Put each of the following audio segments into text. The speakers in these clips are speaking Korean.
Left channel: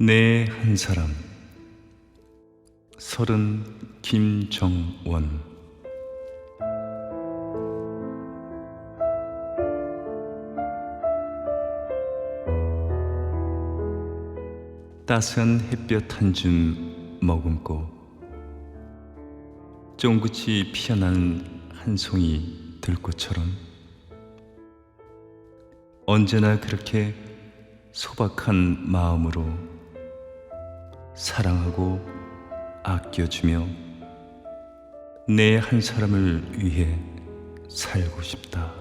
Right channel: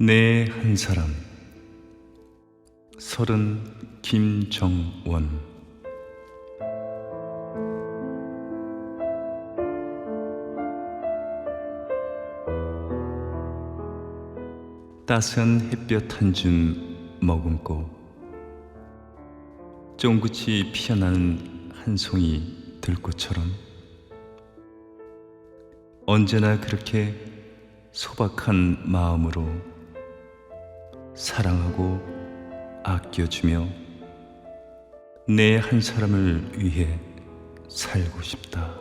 내 한 사람. 서른 김정원. 따스한 햇볕 한 줌 머금고 쫑긋이 피어나는 한 송이 들꽃처럼 언제나 그렇게 소박한 마음으로 사랑하고 아껴주며 내 한 사람을 위해 살고 싶다.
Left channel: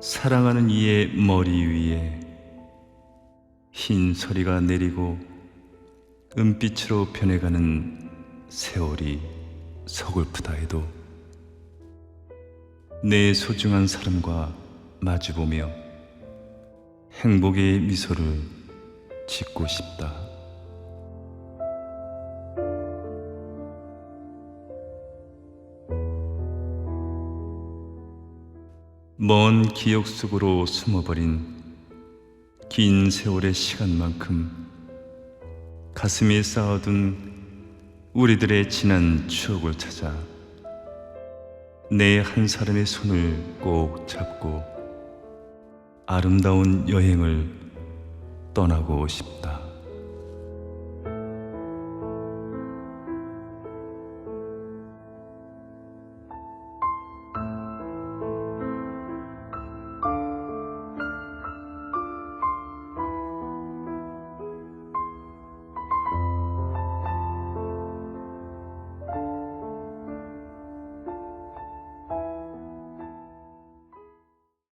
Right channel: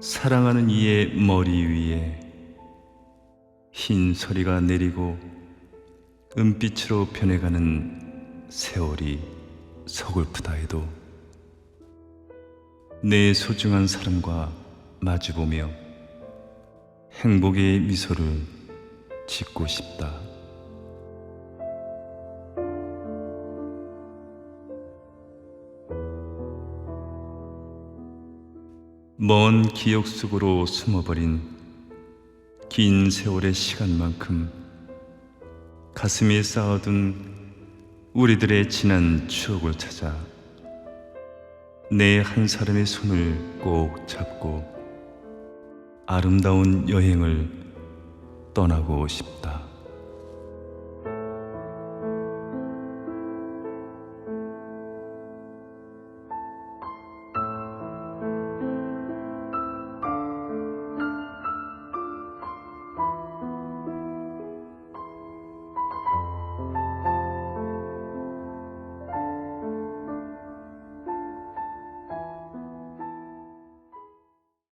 사랑하는 이의 머리 위에 흰 서리가 내리고 은빛으로 변해가는 세월이 서글프다 해도 내 소중한 사람과 마주보며 행복의 미소를 짓고 싶다. 먼 기억 속으로 숨어버린 긴 세월의 시간만큼 가슴에 쌓아둔 우리들의 지난 추억을 찾아 내 한 사람의 손을 꼭 잡고 아름다운 여행을 떠나고 싶다.